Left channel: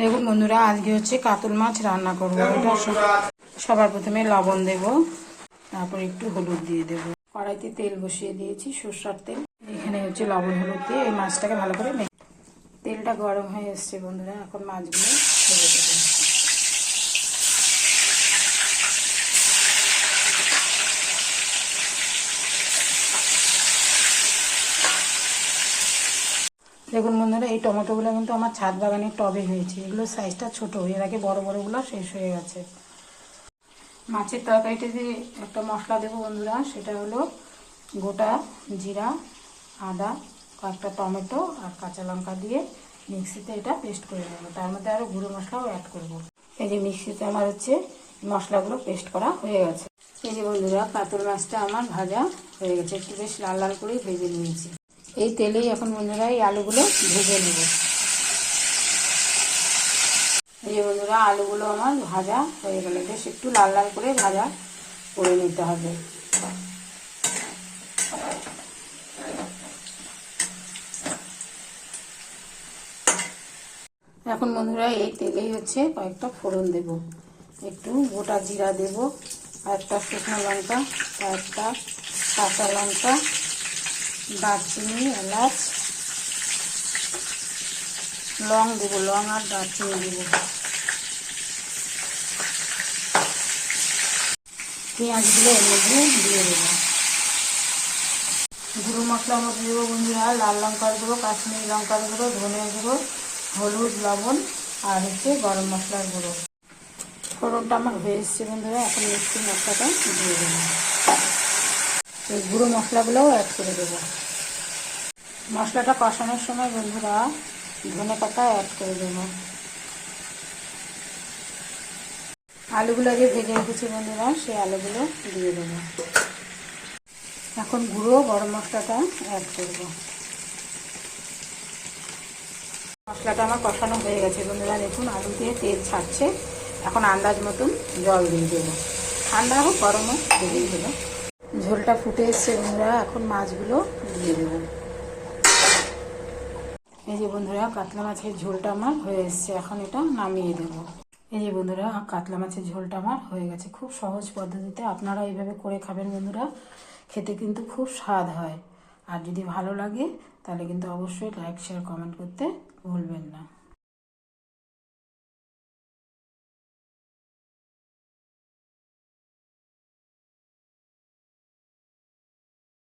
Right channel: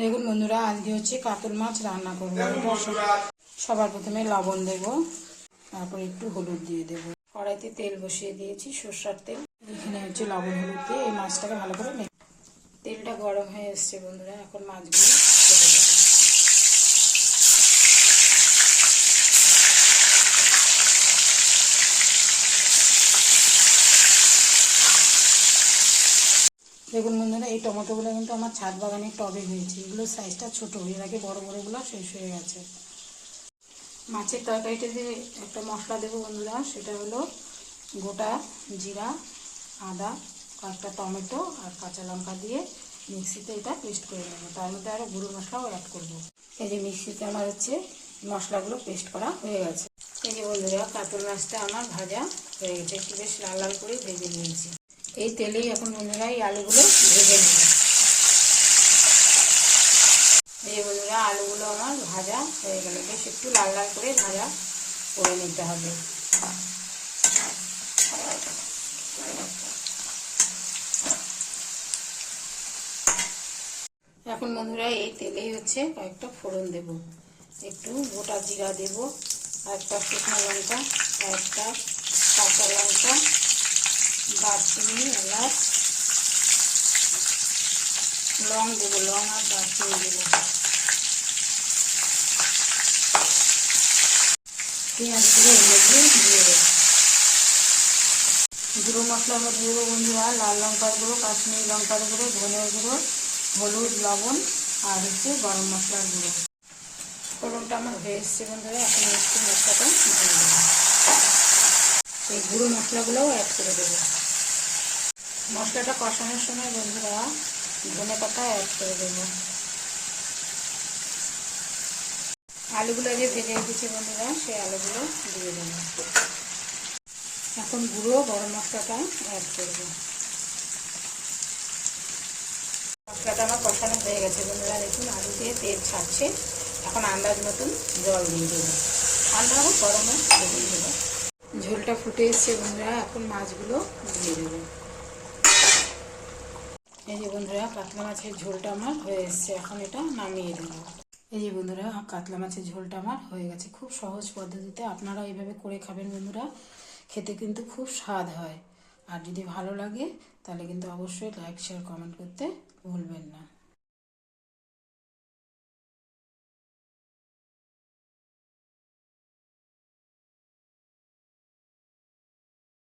দেখুন বন্ধুরা, আজকে হচ্ছে কাতল মাছ রান্না করবো। এটা সবার প্রথমে লবণ দেব, তারপর একটু হলুদ দিয়ে দেব। কড়াইতে তেল বসিয়ে দিয়েছি, সরষের তেল। এখানে হচ্ছে লবণ হলুদ দিয়ে এই মাছটাকে ভালো করে তেলটা গরম হয়ে এসছে বন্ধুরা। এখন মাছগুলো ছেড়ে দেবো। দেখুন বন্ধুরা, এই টমেটোগুলো কিন্তু আমার ছাদ বাগানের টবে হয়েছে। এগুলো সাইজটা ছোট, এর আগে বড় বড়গুলো শেষ হয়ে গেছে। মাছের তরকারিতে যে একটা মশলা দেবো বন্ধুরা, সেটা হলো গোটা জিরা, আদা, কয়েকটা টমেটো আর কাঁচা লঙ্কা দিয়ে মিক্সিতে এটা পেস্ট করে নেবো। তার মধ্যে আরও গুঁড়ো মশলাও অ্যাড করব। এই যে মিক্সিতে আমার হচ্ছে মশলাগুলো পেস্ট করা হয়ে গেছে। এই যে বন্ধুরা, কাতল মাছটা আমার ভাজা হয়ে গেছে, একটু বেশ লাল লাল করে ভেজে নিয়েছি। এই তেলেই এখন বন্ধুরা এই আলুগুলো ভেজে নেব। এই যে বন্ধুরা, আলুগুলো আমার ভাজা হয়ে গেল, বেশ একটু লাল লাল করে ভাজা করে নিতে হবে। এখন বন্ধুরা এই তেলেই হচ্ছে কয়েকটা ফোড়ন দেব। একটু গোটা জিরা দেব, আর একটা শুকনো লঙ্কা, আর একটা কাঁচা লঙ্কা, দারচিনি, এলাচ, লং দেবো, লং আর দারচিনি দেবো। পেঁয়াজগুলো এর মধ্যে দিয়ে দেবো। গুঁড়ো মশলার মধ্যে দেবো বন্ধুরা লাল লঙ্কার গুঁড়ো, কাশ্মীরি লঙ্কার গুঁড়ো, ধনে গুঁড়ো, হলুদ, লবণ আর হচ্ছে গরম মশলার গুঁড়ো। ফোড়নটা আমার হয়ে এসছে বন্ধুরা, এখন মিষ্টি মশলাটা দিয়ে দেবো। এই গুঁড়ো মশলাগুলোও অ্যাড করে দেবো। মশলাটা কষানোর সময় বন্ধুরা ধনে পাতা অ্যাড করে দেবো। আলুগুলো যে ভেজে রেখেছি বন্ধুরা, সেই আলুগুলো দিয়ে দেবো। এখন গুঁড়ো গরম মশলাটা অ্যাড করব। মশলাটা আমার কষানো হয়ে গেছে বন্ধুরা, দেখুন আলু দিয়ে তেল ছাড়ছে। এখন আন্দাজ মতন জল দিয়ে দেবো, ঠান্ডা হোক গরম হোক দিয়ে দেবো। ঝোলটা ফুটে এসছে বন্ধুরা, এখন মাছগুলো দিয়ে দেবো। এই যে বন্ধুরা, কাতলা মাছের ঝোলটা আমার হয়ে এসছে, এখন এটা নামিয়ে দেবো। এই যে বন্ধুরা, কাতলা মাছের ঝোলটা আমার হয়ে গেছে। খুব সহজ পদ্ধতিতে আপনারা এইভাবে করে খাবেন বন্ধুরা, খেতে কিন্তু খুব স্বাদ হয়। আর যদি ভালো লাগে তাহলে কিন্তু অবশ্যই লাইক, শেয়ার, কমেন্ট করতে ভুলবেন না।